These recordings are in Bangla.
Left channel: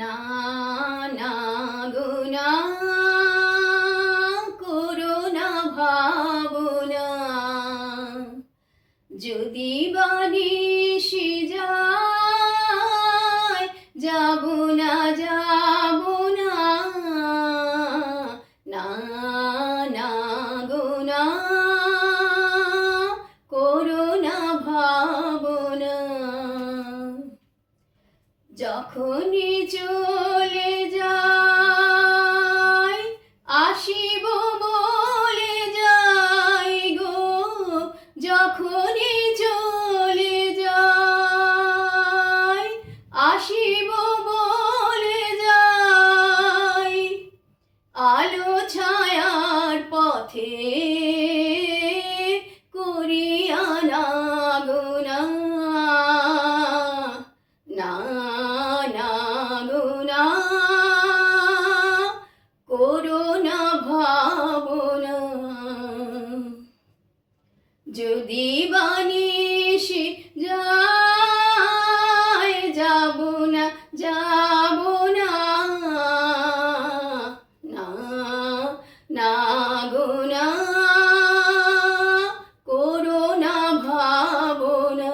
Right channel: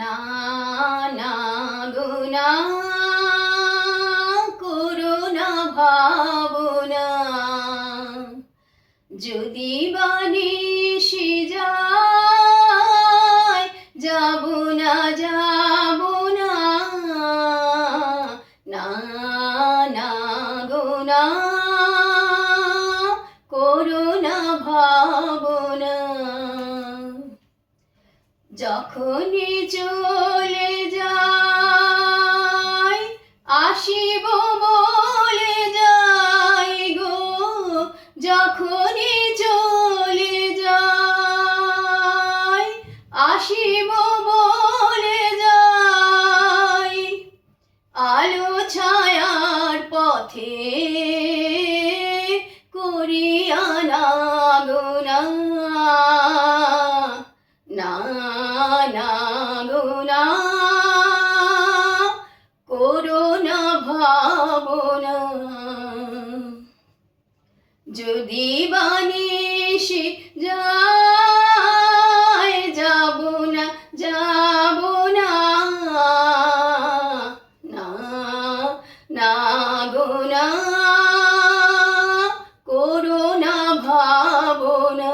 না না গো না, করো না ভাবনা, যদি বানিসি যায় যাব না যাব না, না না গো না, করো না ভাবনা, যখনই চলে যাই আসিব বলে যাই গো, যখনই চলে যাই আসিব বলে যাই, আলো ছায়ার পথে করিয়া না গো না, না না গো না, করো না ভাবনা, যদি বানিসি যায় যাব না যাব না, না না গো না, করো না ভাবনা,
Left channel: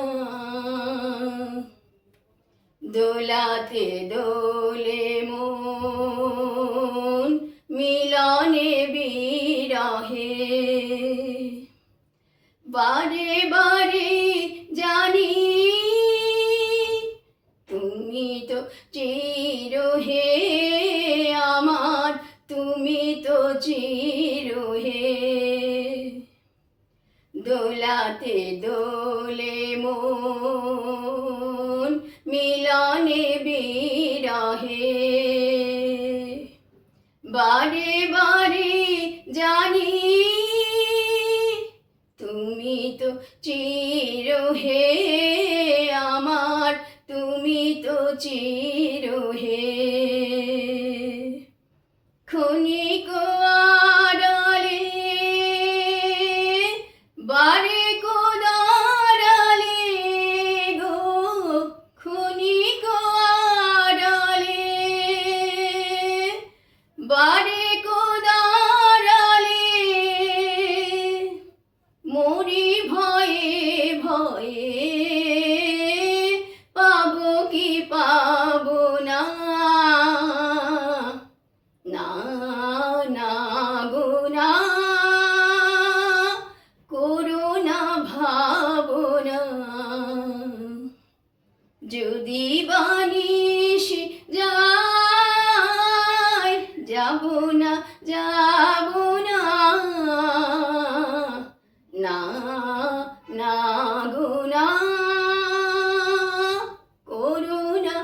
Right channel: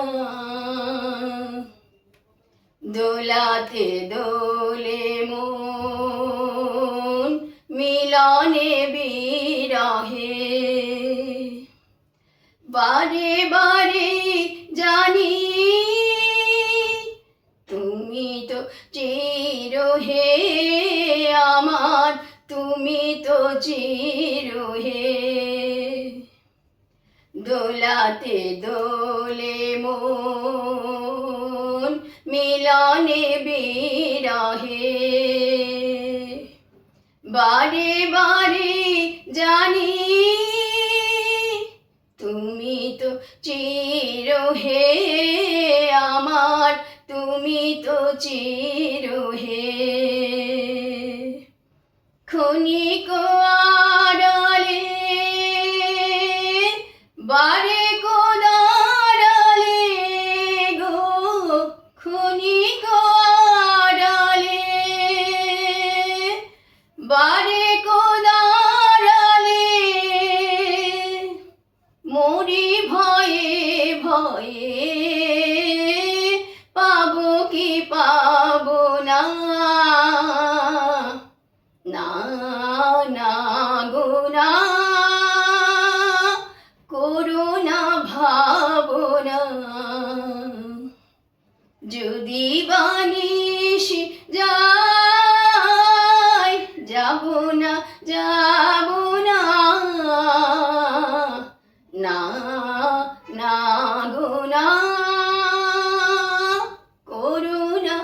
দোলাতে দোলে মন মিলনে বিরহে, বারে বারে জানি তুমি তো চির হে আমার, তুমি তো চির হে, দোলাতে দোলে মন মিলনে বিরহে, বারে বারে জানি তুমি তো চির হে আমার, তুমি তো চির হে, ক্ষণিক আড়ালে বারে গো দাঁড়ালে গো, ক্ষণিক আড়ালে বারে গো দাঁড়ালে, মরি ভয়ে ভয়ে পাবো কি পাবো না, না না গো না, করো না ভাবনা, যদি বানিসি যায় যাব না যাব না, না না গো না, করো না